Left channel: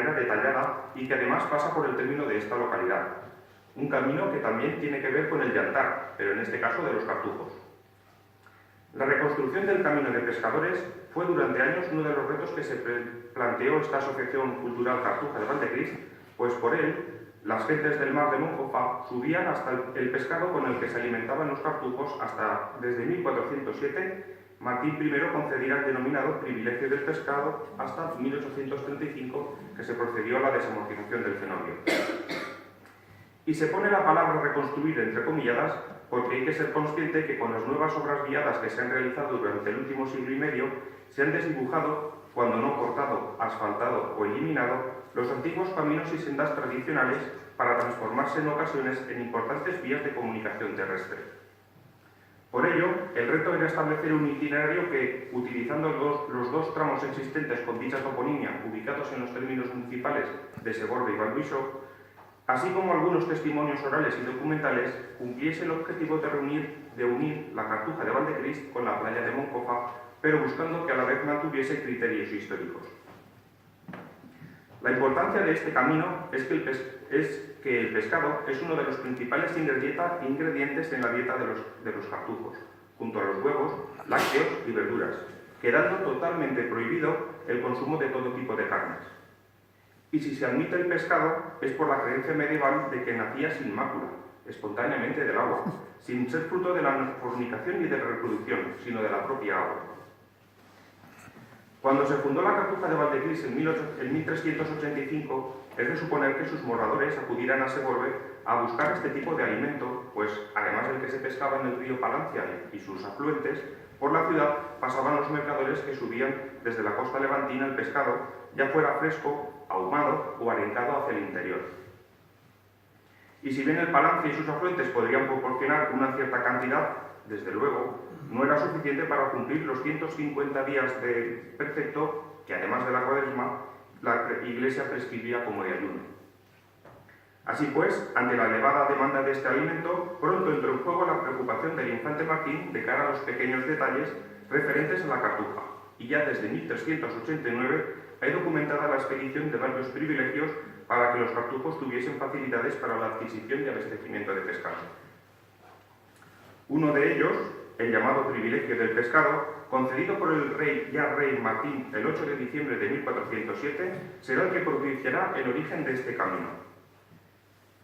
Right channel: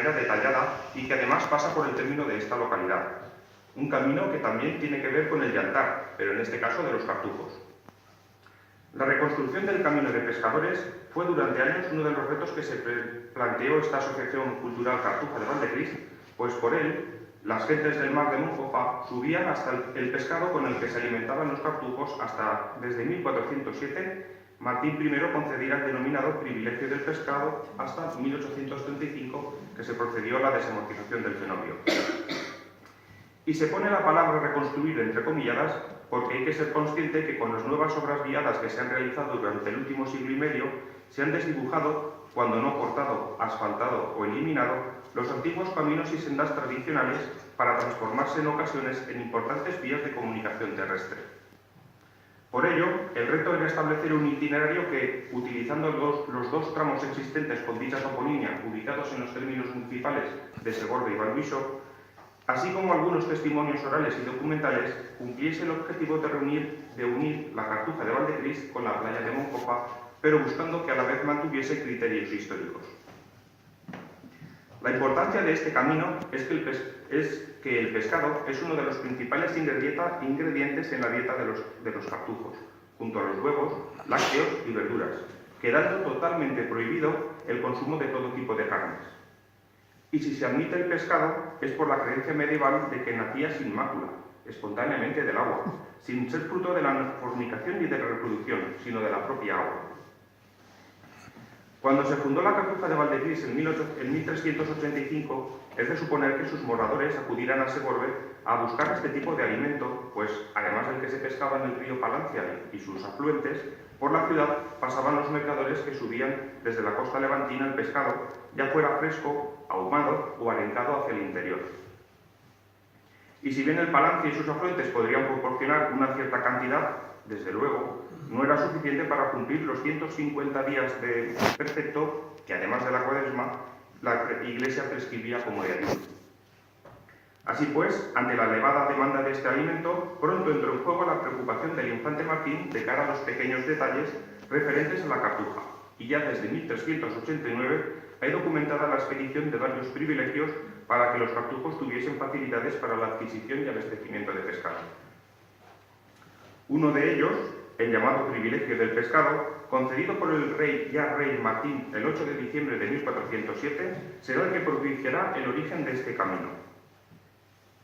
manera detallada y que además pasa por el término de esta localidad. Un camino que también tiene que ver con el de Altar, pero en este caso de los Cartujos. La reconstrucción del camino de pescadores fue durante años uno de los retos que se planteó esta Asociación Cultural Cartuja de Valdecris, pues por él las gentes del mar de Monjofa subían hasta el pescado con el que se alimentaban los cartujos hasta, desde 1407, Martín I concedía el denominado privilegio del pescado hasta 1835, que se procedió a la desamortización del cenobio. Y se pone la palabra reconstruir entre comilladas porque hay que ser consciente que con las nuevas obras guiadas que se han realizado durante el último siglo y medio se han desdibujado, cuando no cortado, asfaltado o eliminado, los antiguos caminos y sendas tradicionales para transformarse en ocasiones en importantes vías de comunicación terrestre. Por ello, el reto era establecer un itinerario que, utilizando los dos tramos existentes con dicha toponimia, ubicados en los términos municipales de Segorbe y Valbixo, así como algunos testimonios orales y documentales, cumpliese el objetivo de unir la Cartuja de Valdecris con la playa de Monjofa, pero buscando que a la vez mantuviese criterios históricos. La importancia de este camino es que el pescado es uno de los principales ingredientes en la dieta de los cartujos, junto a los huevos, lácteos y verduras, quedando totalmente prohibido el consumo de todo tipo de carnes. Y si se admite el pescado, es por la creencia medieval de que nacía sin mácula, espontáneamente del agua, sin ser fruto de la fornicación ni de la reproducción, sino de la propia agua. Cuando se fundó la Cartuja de Valdecris en 1385, es de suponer que sus moradores acudieran a Segorbe a buscar este tipo de alimento, pues además del que se pescaba en el río Palancia y sus afluentes, por la ciudad pasaban los mercaderes que subían desde la costa levantina el pescado, ya fuera fresco, ahumado o arengado hacia el interior. Y si bien el Palancia y sus afluentes podrían proporcionar una cierta cantidad, desde luego, no era suficiente para cumplir los 150 días de precepto que, además de la Cuaresma, la Iglesia prescribía como de ayuno. Así pues, ante la elevada demanda de este alimento, pronto entró en juego la preocupación del infante Martín de cara a los pequeños detalles referentes a la cartuja, y ya desde 1389 hay documentada la expedición de varios privilegios para que los cartujos tuviesen facilidades para la adquisición y abastecimiento de pescado. Uno de ellos, el llamado privilegio del pescado, concedido por el rey Martín el 8 de diciembre de 1407, será el que propiciará el origen de este camino.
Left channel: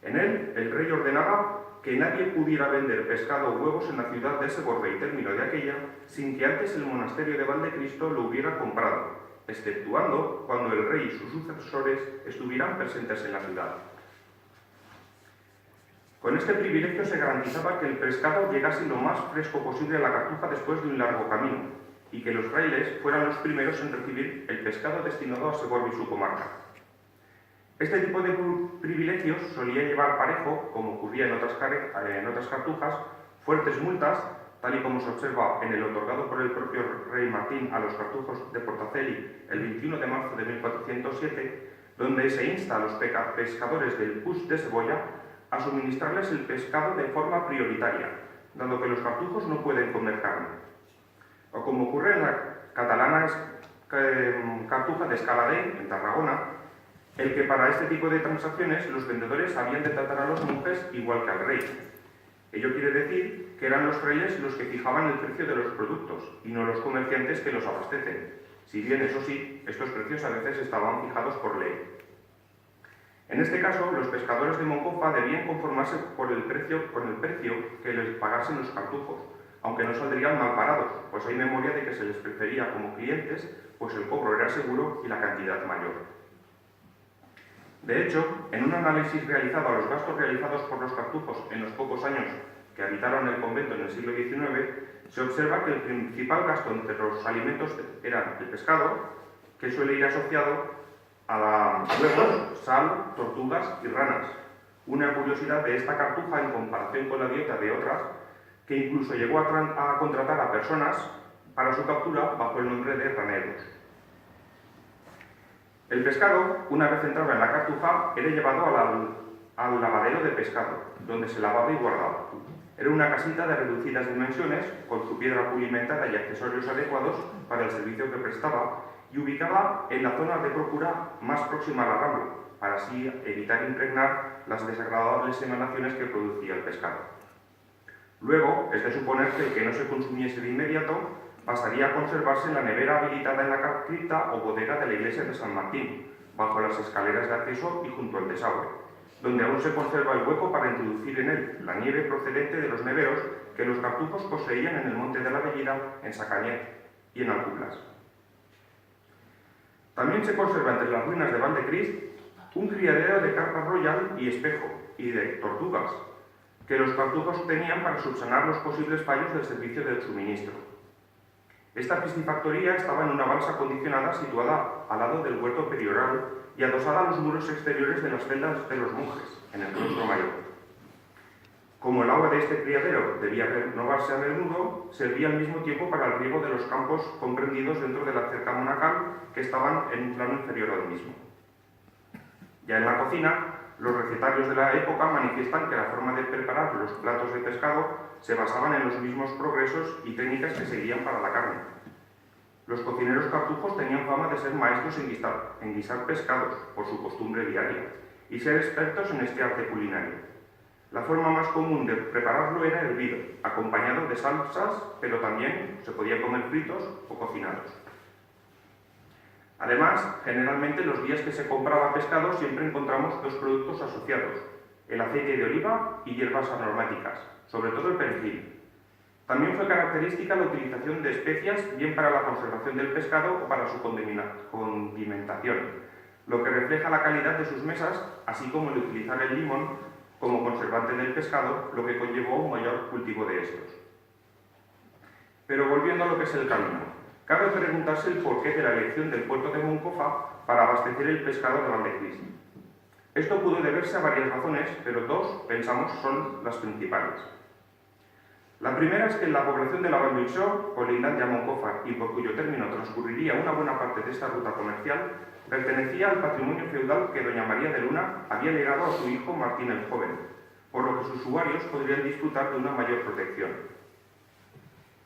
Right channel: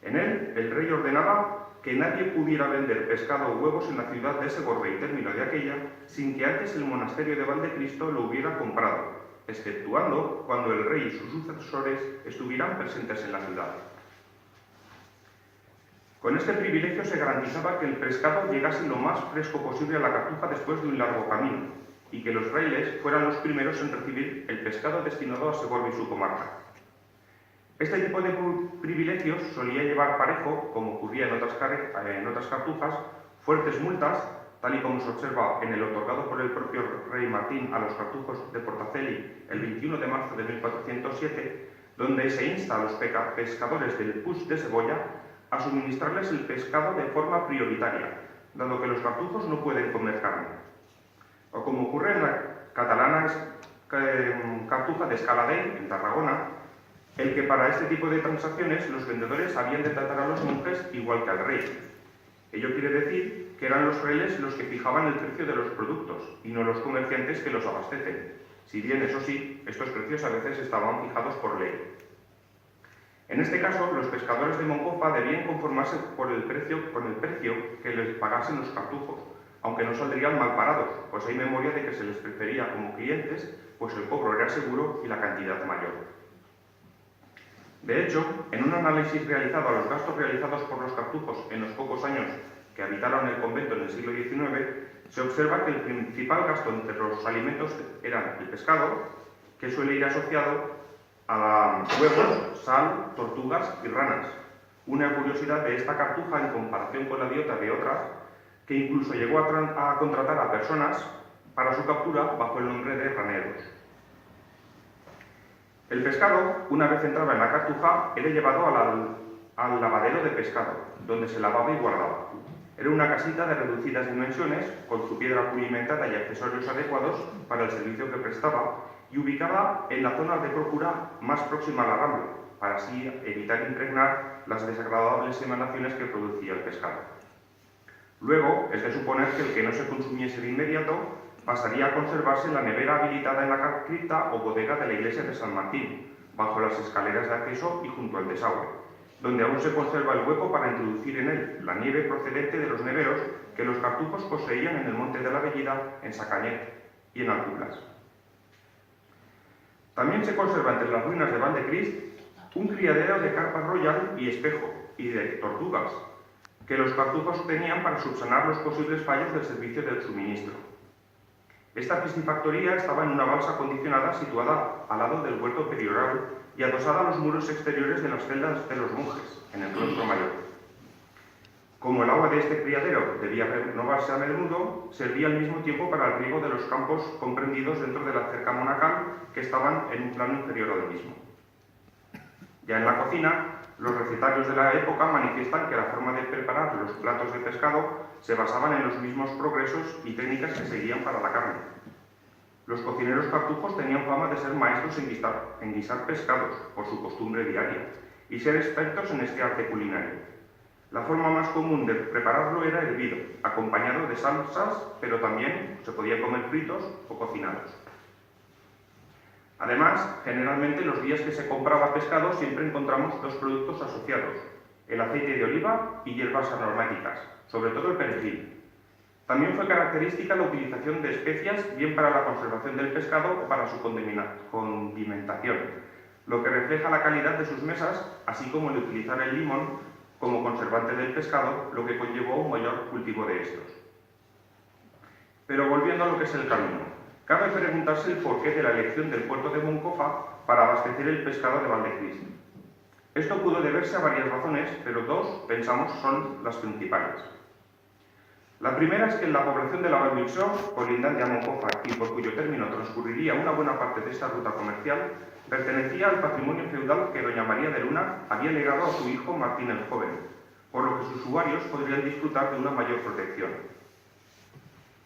En él, el rey ordenaba que nadie pudiera vender pescado o huevos en la ciudad de Segorbe y término de aquella sin que antes el monasterio de Valdecristo lo hubiera comprado, exceptuando cuando el rey y sus sucesores estuvieran presentes en la ciudad. Con este privilegio se garantizaba que el pescado llegase lo más fresco posible a la Cartuja después de un largo camino, y que los frailes fueran los primeros en recibir el pescado destinado a Segorbe y su comarca. Este tipo de privilegios solía llevar parejo, como ocurría en otras cartujas, fuertes multas, tal y como se observa en el otorgado por el propio rey Martín a los cartujos de Portaceli el 21 de marzo de 1407, donde se insta a los pescadores del Puig de Cebolla a suministrarles el pescado de forma prioritaria, dado que los cartujos no pueden comer carne. O como ocurre en la catalana Cartuja de Escaladell, en Tarragona, el que para este tipo de transacciones los vendedores habían de tratar a los monjes igual que al rey. Ello quiere decir que eran los frailes los que fijaban el precio de los productos y no los comerciantes que los abastecen, si bien, eso sí, estos precios a veces estaban fijados por ley. En este caso, los pescadores de Monjofa debían conformarse con el precio que les pagasen los cartujos, aunque no saldrían mal parados, pues hay memoria de que se les prefería como clientes, pues el cobro era seguro y la cantidad mayor. De hecho, en un análisis realizado a los gastos realizados por los cartujos en los pocos años que habitaron el convento en el siglo XIX, se observa que el principal gasto entre los alimentos era el pescado, que suele ir asociado a huevos, sal, tortugas y ranas. Una curiosidad de esta cartuja en comparación con la dieta de otras, que incluso llegó a contratar a personas para su captura bajo el nombre de raneros. El pescado, una vez entraba en la cartuja, era llevado al lavadero de pescado, donde se lavaba y guardaba. Era una casita de reducidas dimensiones, con su piedra pulimentada y accesorios adecuados para el servicio que prestaba, y ubicada en la zona de procura más próxima a la rambla, para así evitar impregnar las desagradables emanaciones que producía el pescado. Luego, es de suponer que el que no se consumiese de inmediato pasaría a conservarse en la nevera habilitada en la cripta o bodega de la iglesia de San Martín, bajo las escaleras de acceso y junto al desagüe, donde aún se conserva el hueco para introducir en él la nieve procedente de los neveros que los cartujos poseían en el Monte de la Bellida, en Sacañet y en Alculas. También se conserva entre las ruinas de Valdecrist un criadero de carpa royal y espejo, y de tortugas, que los cartujos tenían para subsanar los posibles fallos del servicio del suministro. Esta piscifactoría estaba en una balsa acondicionada situada al lado del huerto perioral y adosada a los muros exteriores de las celdas de los monjes, en el claustro mayor. Como el agua de este criadero debía renovarse a menudo, servía al mismo tiempo para el riego de los campos comprendidos dentro de la cerca monacal que estaban en un plano inferior al mismo. Ya en la cocina, los recetarios de la época manifiestan que la forma de preparar los platos de pescado se basaban en los mismos progresos y técnicas que seguían para la carne. Los cocineros cartujos tenían fama de ser maestros en guisar pescados, por su costumbre diaria, y ser expertos en este arte culinario. La forma más común de prepararlo era hervido, acompañado de salsas, pero también se podía comer fritos o cocinados. Además, generalmente los días que se compraba pescado siempre encontramos dos productos asociados, el aceite de oliva y hierbas aromáticas, sobre todo el perejil. También fue característica la utilización de especias, bien para la conservación del pescado o para su condimentación, lo que refleja la calidad de sus mesas, así como el utilizar el limón como conservante del pescado, lo que conllevó un mayor cultivo de estos. Pero volviendo a lo que es el camino, cabe preguntarse el porqué de la elección del puerto de Moncofa para abastecer el pescado de Valdecrist. Esto pudo deberse a varias razones, pero dos, pensamos, son las principales. La primera es que la población de la Vall-d'Uixó, colindante a Moncofa y por cuyo término transcurriría una buena parte de esta ruta comercial, pertenecía al patrimonio feudal que doña María de Luna había legado a su hijo Martín el Joven, por lo que sus usuarios podrían disfrutar de una mayor protección.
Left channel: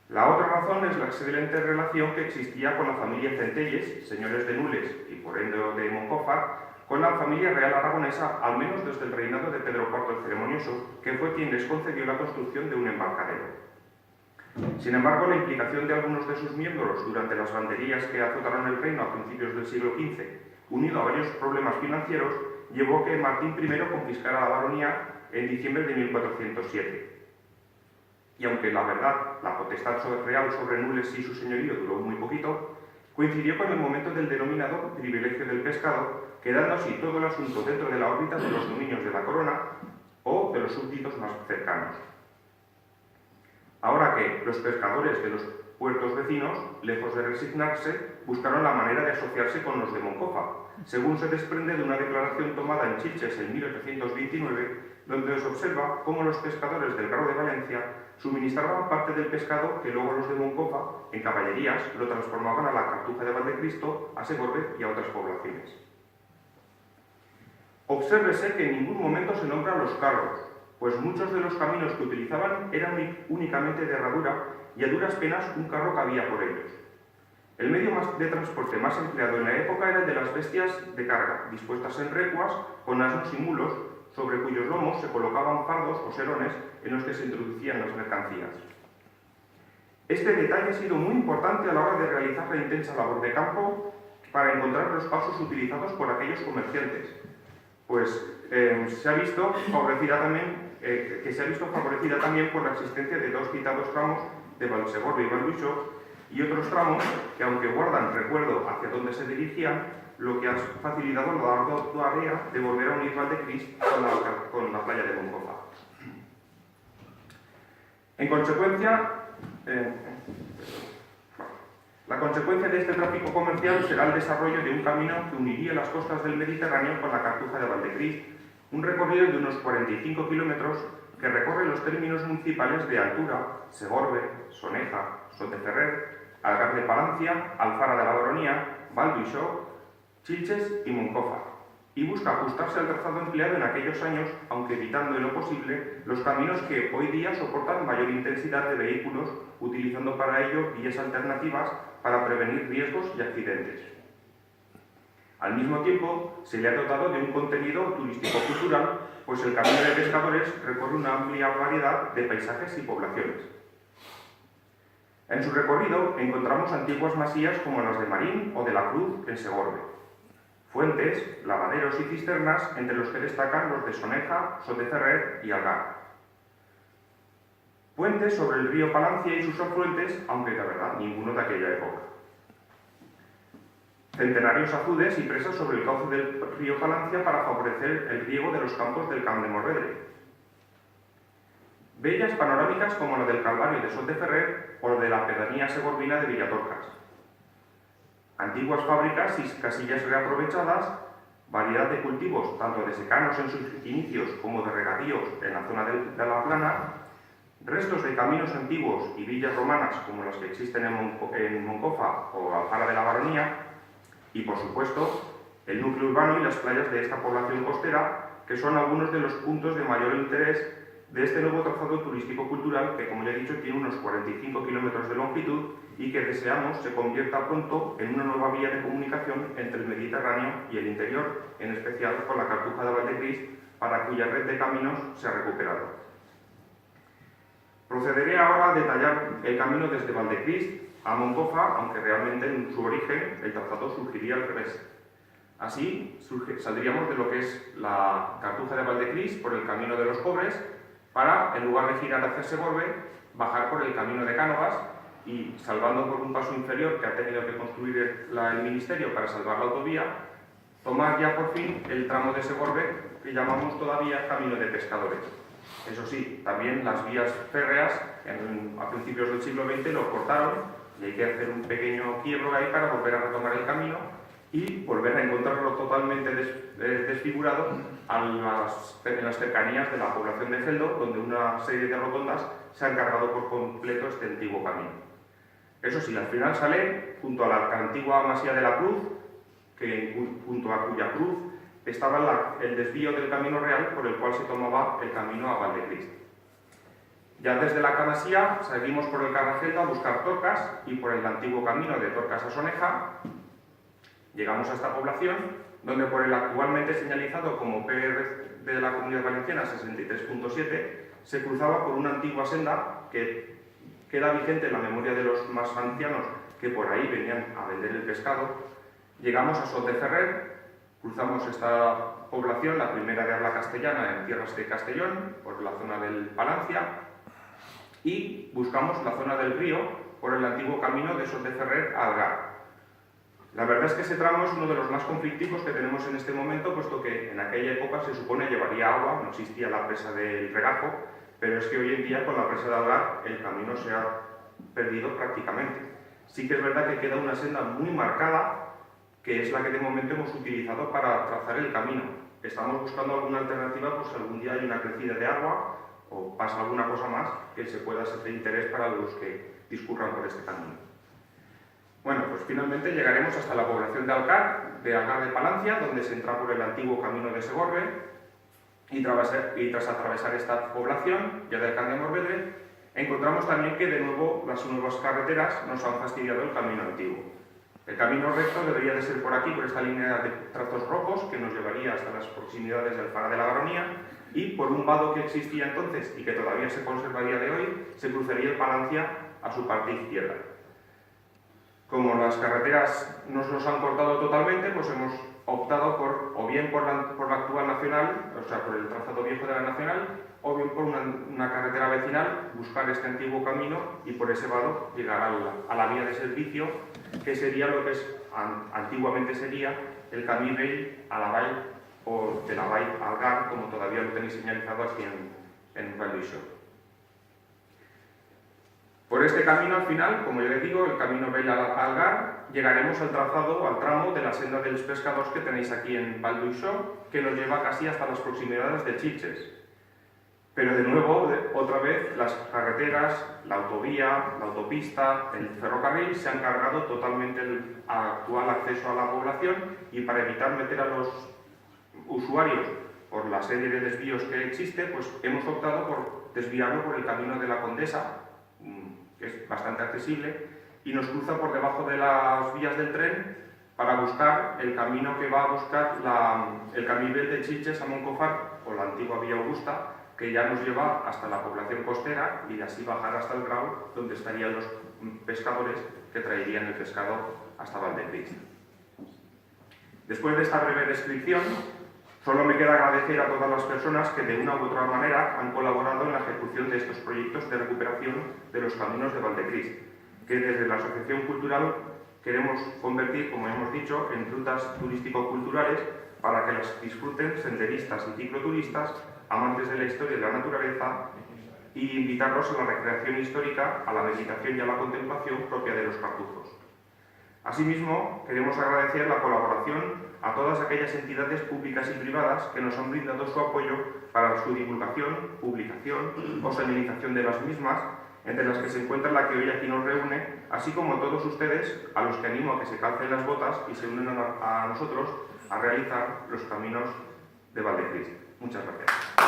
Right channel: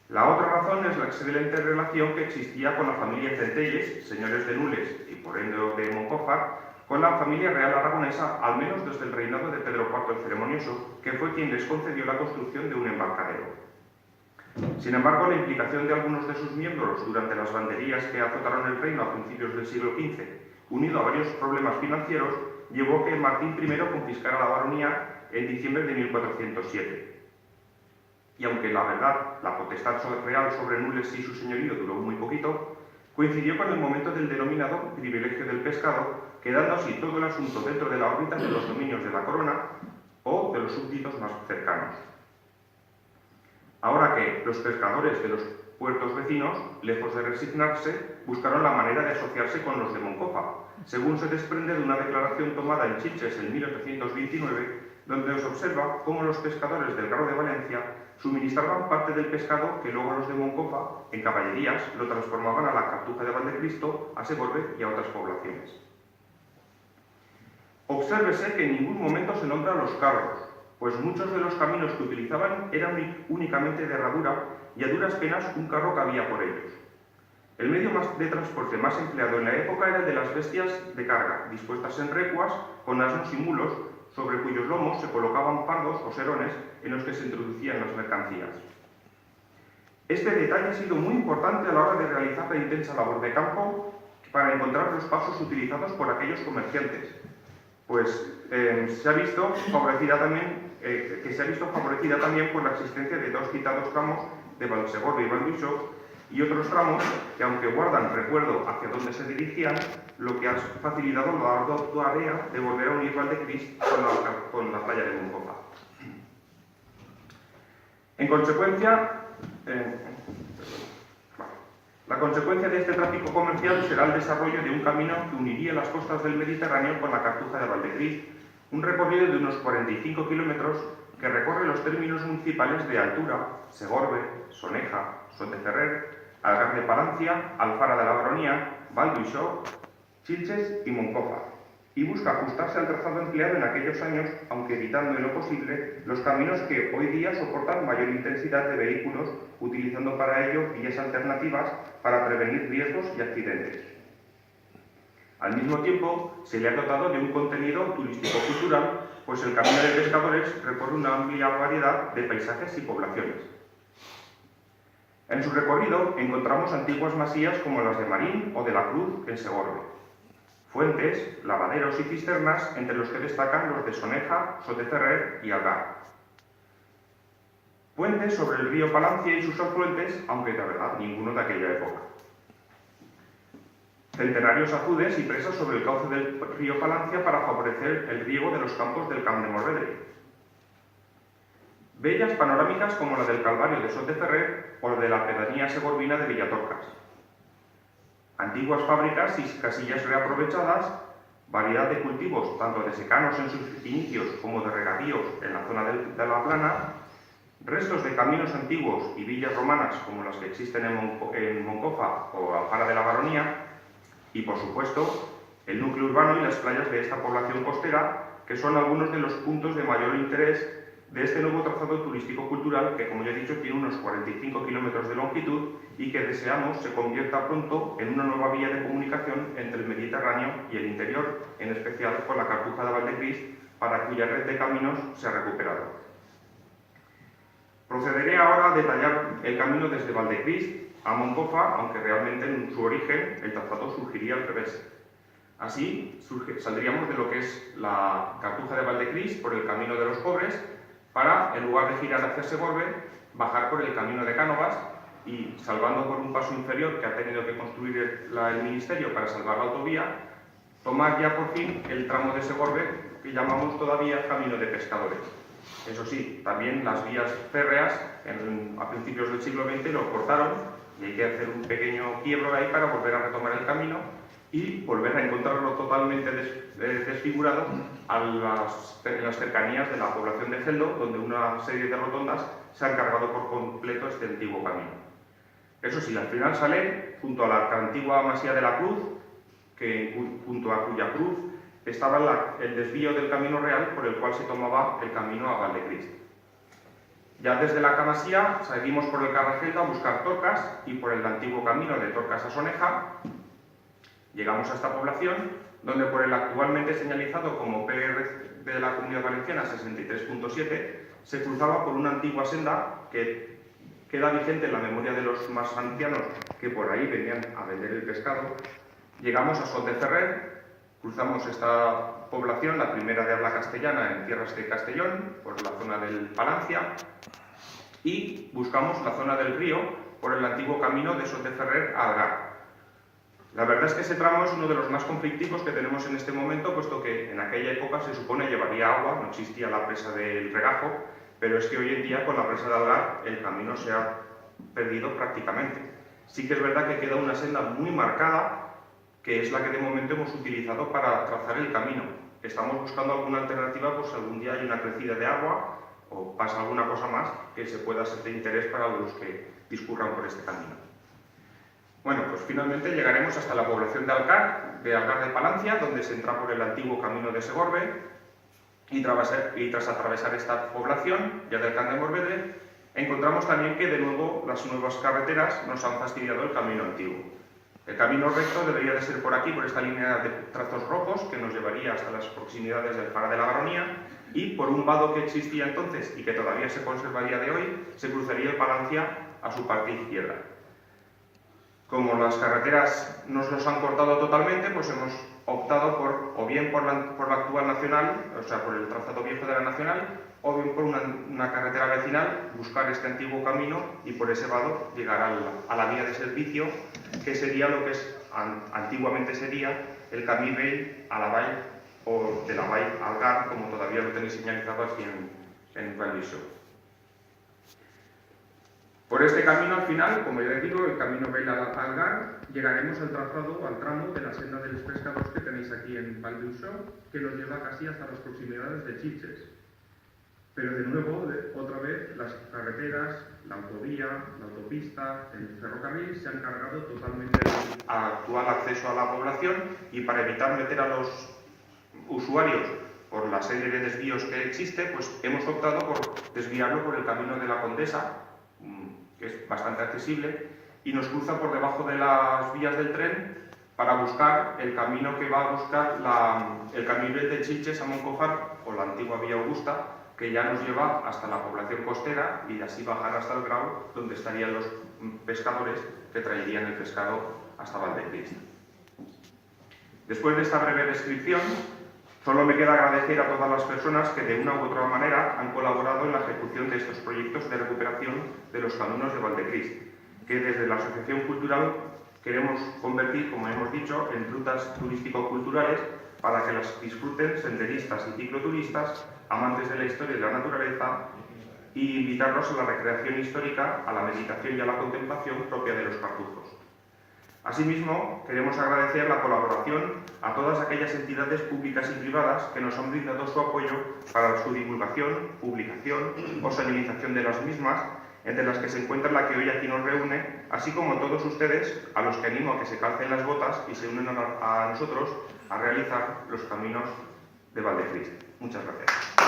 La otra razón es la excelente relación que existía con la familia Centelles, señores de Nules y por ende de Moncofa, con la familia real aragonesa, al menos desde el reinado de Pedro IV el Ceremonioso, que fue quien les concedió la construcción de un embarcadero. Sin embargo, la implicación de algunos de sus miembros durante las banderías que azotaron el reino a principios del siglo XV, unido a varios problemas financieros, llevó a que Martín I confiscara la baronía en diciembre de 1407. Y aunque la verdad, la potestad real sobre Nules y su señorío duró muy poquito, coincidió con el momento del denominado privilegio del pescado, quedando así todo el asunto dentro de la órbita de los dominios de la corona o de los súbditos más cercanos. Ahora que los pescadores de los puertos vecinos, lejos de resignarse, buscaron la manera de asociarse con los de Moncofa, según se desprende de una declaración tomada en Chiches en 1829, donde se observa cómo los pescadores del Grao de Valencia suministraban parte del pescado que luego los de Moncofa, en caballerías, lo transformaban a la Cartuja de Valdecristo, a Segorbe y a otras poblaciones. Obsérvese que en ningún momento se nombran los carros, pues muchos de los caminos que utilizaban eran únicamente de herradura y a duras penas un carro cabía por ellos. El medio de transporte más empleado en la época era el de las bestias de carga, dispuestas en recuas con asnos y mulos, sobre cuyos lomos se colocaban fardos o serones en los que se introducían las mercancías. Este detalle ha sido muy importante a la hora de realizar la intensa labor de campo para encontrar los pasos utilizados por aquellos comerciantes, pues se ha visto favorecida también por la existencia de dos citados tramos de Valsegorbe y Valduixó y otros tramos que, aunque guardan recuerdo hacia dónde se dirigían, lo que ha facilitado la tarea de volver a unir Valdecrist con la playa de Moncofa. En consecuencia, la consecuencia de este tráfico comercial será el desarrollo de un camino que uniría las costas del Mediterráneo con la Cartuja de Valdecrist, un recorrido de unos 45 kilómetros que recorre los términos municipales de Altura, Segorbe, Soneja, Soteferrer, Algar de Palancia, Alfara de la Baronía, Valduixó, Chilches y Moncofa, y busca ajustarse al trazado empleado en aquellos años, aunque evitando en lo posible los caminos que hoy día soportan mayor intensidad de vehículos, utilizando para ello vías alternativas para prevenir riesgos y accidentes. Al mismo tiempo, se le ha dotado de un contenido turístico-cultural, pues el Camino de Pescadores recorre una amplia variedad de paisajes y poblaciones. En su recorrido encontramos antiguas masías como las de Marín o de la Cruz en Segorbe, fuentes, lavaderos y cisternas, entre los que destacan los de Soneja, Soteferrer y Algar. Puentes sobre el río Palancia y sus afluentes, aunque de verdad ninguno de aquella época. Centenarios azudes y presas sobre el cauce del río Palancia para favorecer el riego de los campos del Camp de Morvedre. Bellas panorámicas como la del Calvario de Soteferrer o la de la pedanía segorbina de Villatorcas. Antiguas fábricas y casillas reaprovechadas, variedad de cultivos, tanto de secanos en sus inicios como de regadíos en la zona de la Plana, restos de caminos antiguos y villas romanas como las que existen en Moncofa o Alfara de la Baronía, y por supuesto el núcleo urbano y las playas de esta población costera, que son algunos de los puntos de mayor interés de este nuevo trazado turístico-cultural que, como ya he dicho, tiene unos 45 kilómetros de longitud y que deseamos se convierta pronto en una nueva vía de comunicación entre el Mediterráneo y el interior, en especial con la Cartuja de Valdecris, para cuya red de caminos se ha recuperado. Procederé ahora a detallar el camino desde Valdecris a Moncofa, aunque realmente en su origen el trazado surgiría al revés. Así saldríamos de lo que es la Cartuja de Valdecris por el Camino de los Pobres, para, en lugar de girar hacia Segorbe, bajar por el Camino de Cánovas y, salvando por un paso inferior que ha tenido que construir el Ministerio para salvar la autovía, tomar ya por fin el tramo de Segorbe que llamamos todavía Camino de Pescadores. Eso sí, también las vías férreas a principios del siglo XX lo cortaron y hay que hacer un pequeño quiebro ahí para volver a retomar el camino y volver a encontrarlo totalmente desfigurado en las cercanías de la población de Celdo, donde una serie de rotondas se han cargado por completo este antiguo camino. Eso sí, al final sale junto a la antigua Masía de la Cruz, junto a cuya cruz estaba el desvío del camino real por el cual se tomaba el camino a Valdecris. Ya desde la Masía seguimos por el Carragel a buscar Torcas y por el antiguo camino de Torcas a Soneja. Llegamos a esta población, donde por el actualmente señalizado como PR de la Comunidad Valenciana 63.7 se cruzaba por una antigua senda que queda vigente en la memoria de los más ancianos que por ahí venían a vender el pescado. Llegamos a Soteferrer, cruzamos esta población, la primera de habla castellana en tierras de Castellón, por la zona del Palancia, y buscamos la zona del río por el antiguo camino de Soteferrer a Algar. La verdad es que ese tramo es uno de los más conflictivos que tenemos en este momento, puesto que en aquella época se supone llevaría agua, no existía la presa del Regajo, pero es que hoy en día con la presa de Algar el camino se ha perdido prácticamente. Sí que es verdad que queda una senda muy marcada, que es la que de momento hemos utilizado para trazar el camino. Estamos buscando alguna alternativa, pues algún día hay una crecida de agua o pasa alguna cosa más que se pueda ser de interés para los que discurran por este camino. Bueno, pues finalmente llegaremos hasta la población de Algar de Palancia, donde se entra por el antiguo camino de Segorbe, y tras atravesar esta población, ya del Camp de Morvedre, encontramos también que de nuevo las nuevas carreteras nos han fastidiado el camino antiguo. El camino recto debería de ser por aquí, por esta línea de trazos rojos, que nos llevaría hasta las proximidades del Fara de la Baronía, y por un vado que existía entonces y que todavía se conserva a día de hoy, se cruzaría el Palancia a su parte izquierda. Como las carreteras nos han cortado totalmente, pues hemos optado o bien por la actual nacional, o sea, por el trazado viejo de la nacional, o bien por una carretera vecinal, buscar este antiguo camino y por ese vado llegar a la vía de servicio, que sería lo que antiguamente sería el Camí Vell a la Vall, o de la Vall a Algar, como todavía lo tenéis señalizado aquí en Valdiso. Por este camino, al final, como ya les digo, el camino Vell a Algar, llegaremos al tramo de la senda de los pescados que tenéis aquí en Valdiso, que nos lleva casi hasta las proximidades de Chiches. Pero de nuevo, otra vez, las carreteras, la autovía, la autopista, el ferrocarril se han cargado totalmente del actual acceso a la población, y para evitar meter a los usuarios por la serie de desvíos que existe, pues hemos optado por desviarlo por el camino de la Condesa, que es bastante accesible, y nos cruza por debajo de las vías del tren para buscar el camino que va a buscar el camino de Sitges a Moncofar, o la antigua Vía Augusta, que ya nos lleva hasta la población costera y de así bajar hasta el Grau, donde estarían los pescadores que traerían el pescado hasta Valdecrist. Después de esta breve descripción, solo me queda agradecer a todas las personas que de una u otra manera han colaborado en la ejecución de estos proyectos de recuperación de los caminos de Valdecrist, que desde la Asociación Cultural queremos convertir, como hemos dicho, en rutas turístico-culturales para que las disfruten senderistas y cicloturistas, amantes de la historia y de la naturaleza, y invitarlos a la recreación histórica, a la meditación y a la contemplación propia de los cartujos. Asimismo, queremos agradecer la colaboración a todas aquellas entidades públicas y privadas que nos han brindado su apoyo para su divulgación, publicación o salinización de las mismas, entre las que se encuentra la que hoy aquí nos reúne, así como todos ustedes, a los que animo a que se calcen las botas y se unan a nosotros a realizar los caminos de Valdecrist. Muchas gracias.